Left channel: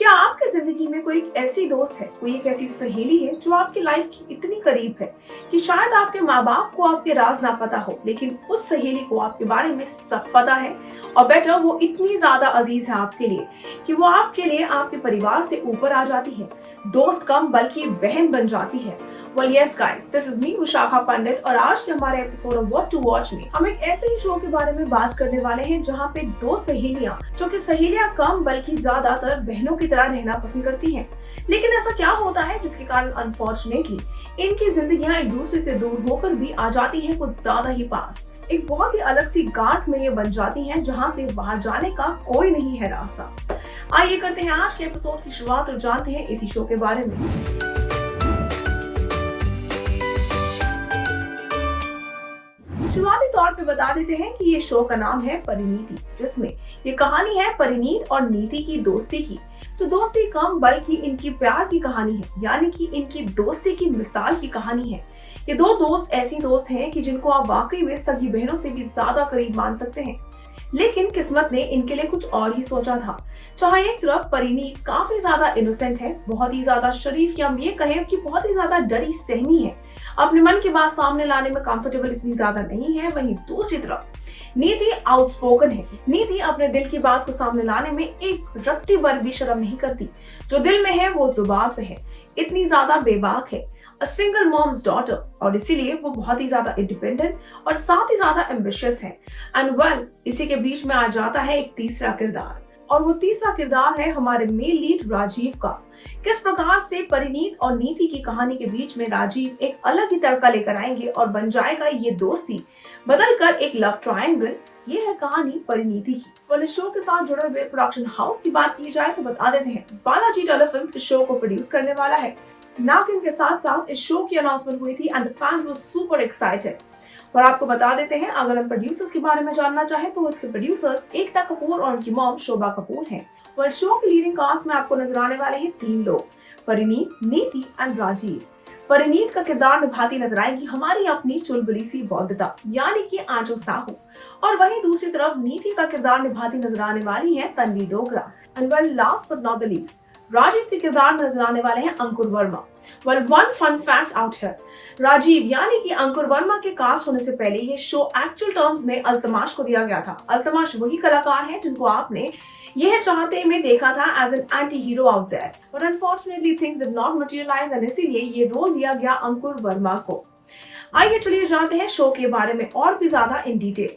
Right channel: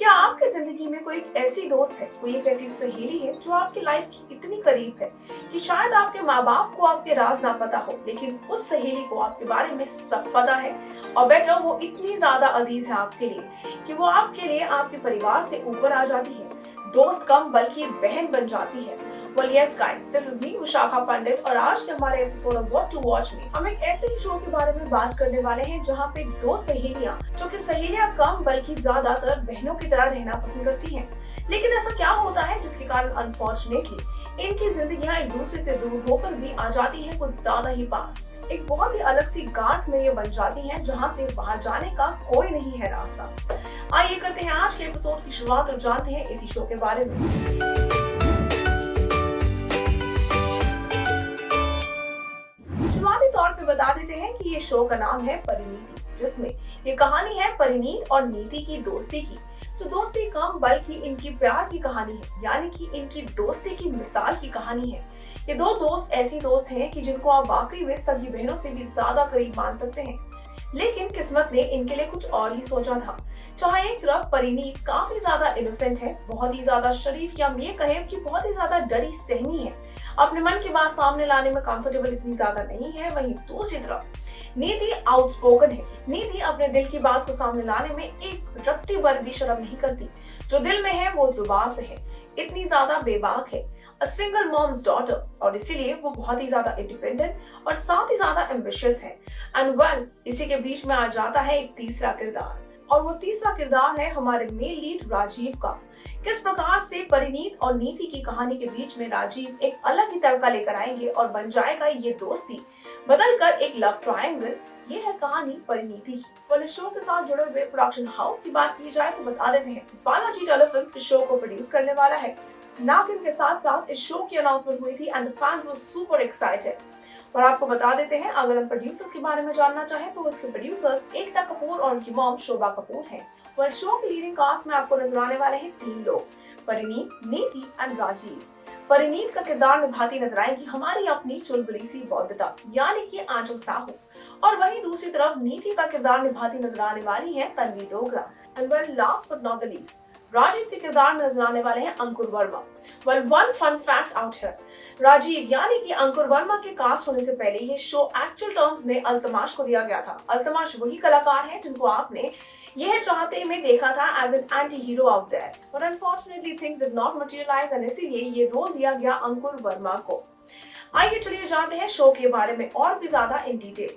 क्या आपकी जिंदगी में कोई एक ऐसी दोस्त है, कोई एक ऐसी सहेली है जो आपकी लाइफ की इतनी करीब है कि शायद आपके माँ बाप को आपके राज ना पता हो, लेकिन उस सहेली को आपके बारे में सब पता है। और बेटर वो इतनी ज्यादा अजीज है आपके लिए कि वो आपके लिए आपके परिवार से ऊपर आ जाती है, दोस्त कम बल्कि बहन बन जाती है। Well, yes, guys, this is me, Vishakha पंडित, और आज के हमारे episode of what to watch में हम एक ऐसे ही शो के बारे में बात करने वाले हैं जहां पे दो सहेलियां, जो कि सहेलियां कम बल्कि ज्यादातर बहनों की तरह रहना पसंद करती हैं। लेकिन ऐसा क्या होता है जिसके कारण अनफॉर्चुनेटली इनकी जिंदगियां एक दूसरे से दूर होकर भी आ जाती है कुछ ज्यादा ही पास। एक बहुत ही अलग सी गांठ में ये बन जाती है जहाँ से बाहर जाने का कोई नहीं है रास्ता। आइए करते हैं आज के एपिसोड की शुरुआत और जानते हैं इसी शो के बारे में। शुरुआती तौर पे बता देते हैं कि ये शो का नाम है परिणीति, जिसमें ये कहानी है परिणीत और नीति की दोस्ती की। तो दोस्ती कम बल्कि इनकी प्यार की कहानी है, यानी कि इनकी दोस्ती की मिसाल की कहानी है। ये दो दोस्त ऐसी दोस्त हैं कि जिनको आप वाकई में सगी बहनों से भी ज्यादा करीब मान सकते हैं। लेकिन किस्मत ने इनके लिए कुछ और ही सोचा था। चाहे एक तरफ परिणीत काफी ज्यादा इनोसेंट है, बहुत ही ज्यादा शरीफ, या हम ये कहें कि बहुत ही ज्यादा डरी सहमी है, अपने मन की बात सामने लाने में कंफर्टेबल इतनी ज्यादा नहीं है। वहीं दूसरी तरफ नीति आउटस्पोकन है। नीति अपने दिल की बात को सामने लाने में एक रत्ती भर भी शर्म नहीं करती। जो दिल में है वो जुबान पे है, इतनी ज्यादा बेबाक है, अ सिंगल मॉम्स डॉटर, और इसीलिए वो बहुत ही ज्यादा इंडिपेंडेंट और साथ ही ज्यादा एम्बिशियस है। एंड वेल, इसी के बीच में आ जाता है एक तीसरा किरदार, और वो तीसरा किरदार है हमारे मेल लीड राजीव का। किस प्रकार से परिणीत और नीति की कहानी के बीच में राजीव एक अलग ही तड़का लेकर आएंगे और बन जाएगा ये दोस्ती बदलकर एक लव ट्रायंगल। ये है कहानी परिणीति की। और इस शो के साथ जुड़े हुए प्रोडक्शन हाउस की बात की जाए तो बता देते हैं बालाजी टेलीफिल्म इस शो को प्रोड्यूस करने वाला है। नागिन के साथ साथ इस शो की अनाउंसमेंट हुई थी and the fans were super excited. और आपको बता देते हैं, अगर हम प्रोड्यूसर्स के बारे में जानना चाहें तो इसके प्रोड्यूसर्स एकता कपूर और उनकी मॉम शोभा कपूर हैं। और शो की लीडिंग कास्ट में आपको नजर आने वाले हैं तीन लोग, परिणीत, नीति एंड राजीव। परिणीत का किरदार निभाती नजर आएगी हमारी अपनी चुलबुली सी बौद्धता, यानी कि आंचल साहू। और वहीं दूसरी तरफ नीति का किरदार निभाती नजर आने वाली है Tanvi Dogra. And well, last but not the least, Rajeev के किरदार में नजर आने वाले हैं Ankur Verma. Well, one fun fact out here, Rajeev यानी कि अंकुर वर्मा के कास्ट होने से पहले ये शो एक्चुअल टर्म्स में अल्तमाश को दिया गया था। अल्तमाश वही कलाकार हैं जिनको आपने यह चाहते में देखा था as an anti hero out there, but unfortunately things did not materialise and इसीलिए ये रोल दिया गया अंकुर वर्मा को। आइए चलिए जानते हैं शो के बारे में और भी ज्यादा इन डिटेल।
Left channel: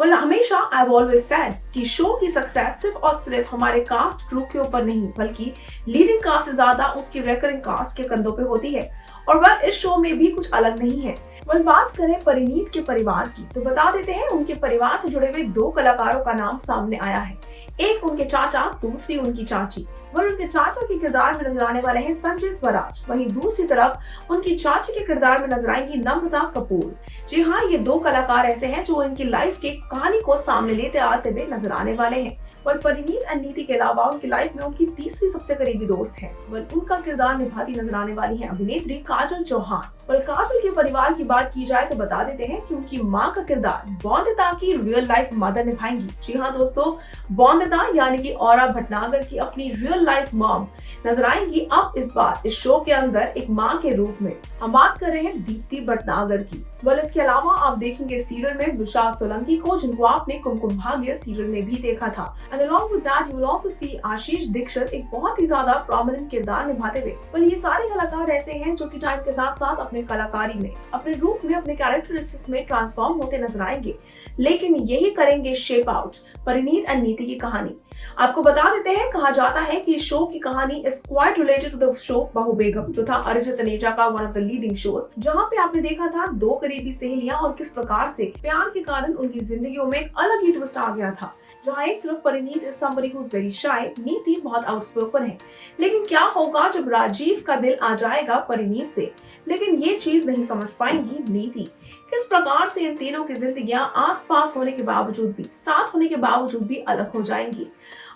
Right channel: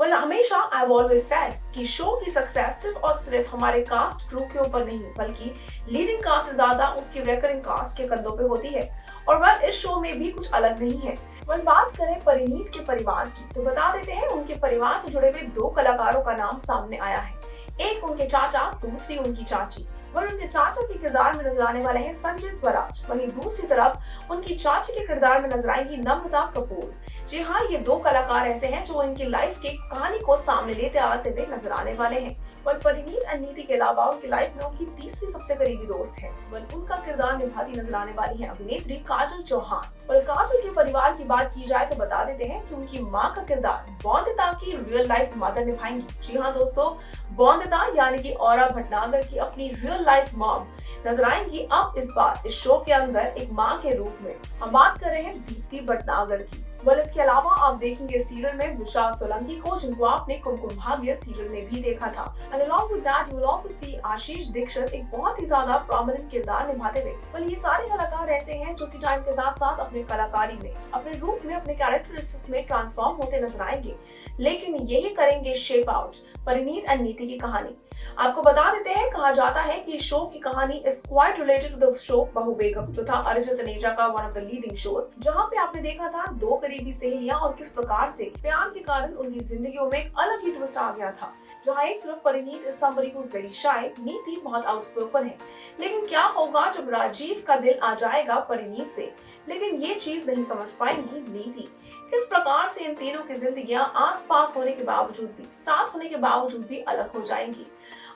वेल, हमेशा आई हैव ऑलवेज सेड कि शो की सक्सेस सिर्फ और सिर्फ हमारे कास्ट क्रू के ऊपर नहीं, बल्कि लीडिंग कास्ट से ज्यादा उसकी रेकरिंग कास्ट के कंधों पे होती है। और वह इस शो में भी कुछ अलग नहीं है। वह बात करें परिणीत के परिवार की तो बता देते हैं उनके परिवार से जुड़े हुए दो कलाकारों का नाम सामने आया है। एक उनके चाचा, दूसरी उनकी चाची। वह उनके चाचा के किरदार में नजर आने वाले हैं संजय स्वराज। वहीं दूसरी तरफ उनकी चाची के किरदार में नजर आएगी नम्रता कपूर। जी हाँ, ये दो कलाकार ऐसे हैं जो इनकी लाइफ की कहानी को सामने लेते आते हुए नजर आने वाले हैं। और परिणीत और नीति के अलावा उनकी लाइफ में उनकी तीसरी सबसे करीबी दोस्त है। वह उनका किरदार निभाती नजर आने वाली है अभिनेत्री काजल चौहान। और काजल के परिवार की बात की जाए तो बता देते हैं कि उनकी माँ का किरदार बौंदिता की रियल लाइफ मदर निभाएंगी। जी हाँ दोस्तों, बौंदिता यानी कि औरा भटनागर की अपनी रियल लाइफ मॉम नजर आएंगी अब इस बार इस शो के अंदर एक माँ के रूप में। हम बात कर रहे हैं दीप्ति भटनागर की। वेल, इसके अलावा आप देखेंगे सीरियल में विशाल सोलंकी को, जिनको आपने कुमकुम भाग्य सीरियल में भी देखा था। And along with that you will also see Ashish Dixit एक बहुत ही ज्यादा प्रोमिनेंट किरदार निभाते हुए। वेल, ये सारे कलाकार ऐसे हैं जो कि टाइम के साथ साथ अपने कलाकारी में, अपने रूप में, अपने कैरेक्टरिस्टिक्स में ट्रांसफॉर्म होते नजर आएंगे, लेकिन यही करेंगे शेप आउट परिणीत एंड नीति की कहानी। आपको बता देते हैं, कहा जाता है कि शो की कहानी is quite related to the show Bahu Begum, जो था अरिजित तनेजा का one of the leading shows, जहां पे आपने देखा था दो करीबी सहेलियां और किस प्रकार से प्यार के कारण उनकी जिंदगियों में एक अलग ही ट्विस्ट आ गया था। जहाँ एक तरफ Parineet is somebody who is very shy, नीति बहुत आउटस्पोकन है। लेकिन क्या होगा जब राजीव का दिल आ जाएगा परिणीत पे? लेकिन ये चीज नहीं समझ पाएंगी नीति। किस प्रकार से इन तीनों की जिंदगियां आस-पास होने के बावजूद भी, साथ होने के बावजूद भी अलग हो जाएंगी।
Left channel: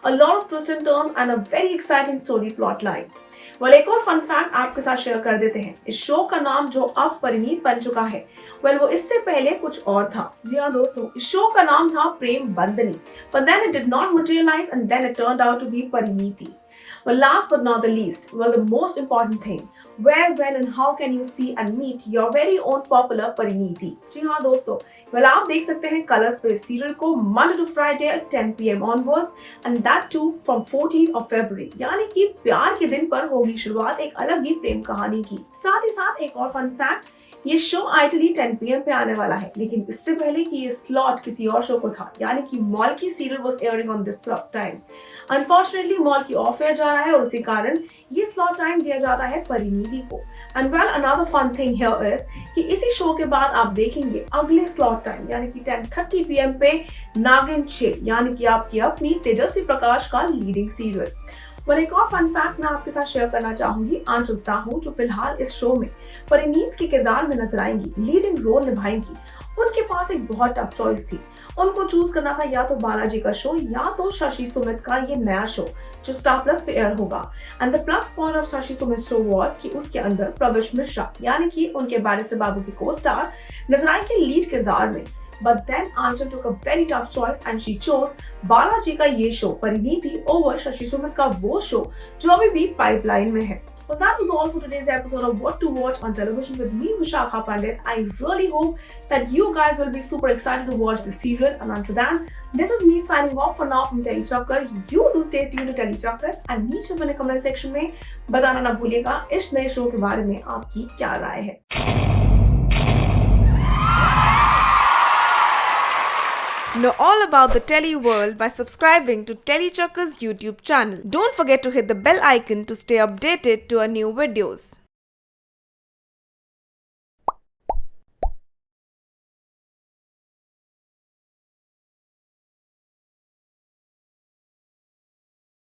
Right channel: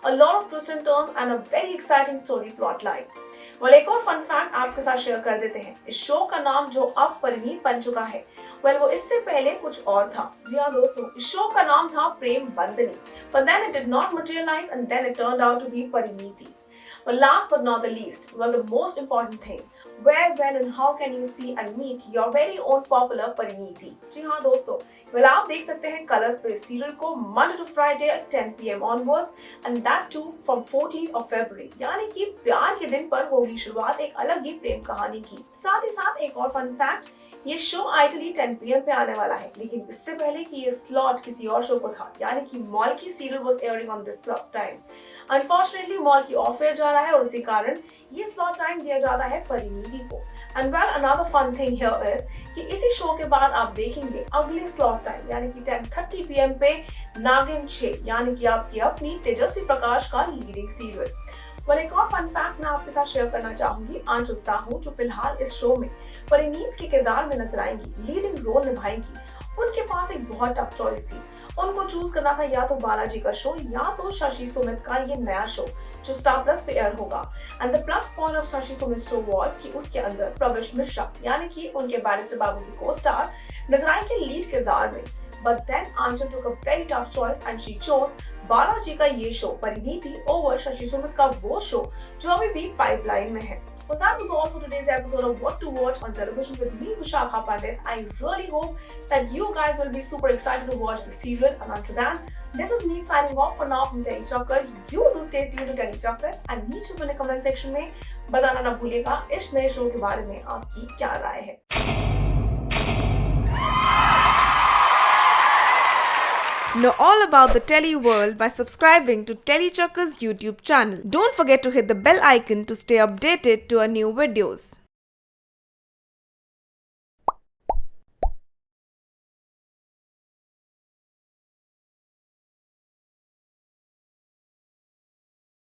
A lot of twists and turns and a very exciting story plot line. Well, एक और फन फैक्ट आपके साथ शेयर कर देते हैं। इस शो का नाम जो अब परिणीत बन चुका है, वेल, वो इससे पहले कुछ और था। जी हाँ दोस्तों, इस शो का नाम था प्रेम बंधनी, but then it did not materialize and then it turned out to be Parineeti. Well, last but not the least, well, the most important thing, where, when and how can you see and meet your very own popular Parineeti? जी हाँ दोस्तों, well, आप देख सकते हैं colours पे serial को Monday to Friday at 10 PM onwards and that too from 14th of February, यानी कि प्यार के दिन पर होगी शुरुआत एक अलग ही प्रेम कहानी की। साथ ही साथ एक और फन फैक्ट, ये शो आइडियली 10 PM पे आने वाला है, लेकिन इससे पहले कि ये स्लॉट किसी और शो को था, यानी कि Molkki serial was airing on this slot time. Unfortunately Molkki off air जा रहा है और उसी कारण ये स्लॉट टाइम दिया जाता है परिणीति को। And well another fun thing here is कि इसी शो के बाद आप देखेंगे अगले स्लॉट टाइम यानी कि 10:30 PM पे नागिन 6 यानी कि आपकी अपनी तेजस्वी प्रकाश का लीडिंग सीरियल। well, एक और फन फैक्ट मैं आपके साथ शेयर करना चाहूंगी आंचल साहू जो फिलहाल इस शो में परिणीत के किरदार में नजर आएंगी, लीडिंग रोल निभाएंगी। उनके पास एक बहुत टफ चॉइस थी, उनको चूज करना था या तो बालाजी का शो या तो शशि सुमित का ये नया शो जो स्टार प्लस पे एयर होगा। And the plus point of Shashi Sumit show was कि उसके अंदर प्रवेश मिश्रा यानी कि उनके बैरिस्टर बाबू के को स्टार नजर आएंगे लीड किरदार में। But then Anchal took a very tough choice and she chose Balaji का ये शो परिणीति over शशि सुमित का वो शो जो अभी भी पाइपलाइन में है। Well, that was all for today's episode of What to Watch on Television with me, Vishakha Pandit. I really hope that you guys will be super excited to watch the serial. And until then, this is me signing off for now from Telly Chakkar. You do stay tuned to Telly Chakkar and नीचे अपने comment section में बताना ना भूलिएगा इस नए show के बारे में आपकी क्या राय है। Know all about the Telly world by subscribing to Telly Chakkar's YouTube channel. Don't forget to hit the bell icon to stay updated to our new videos.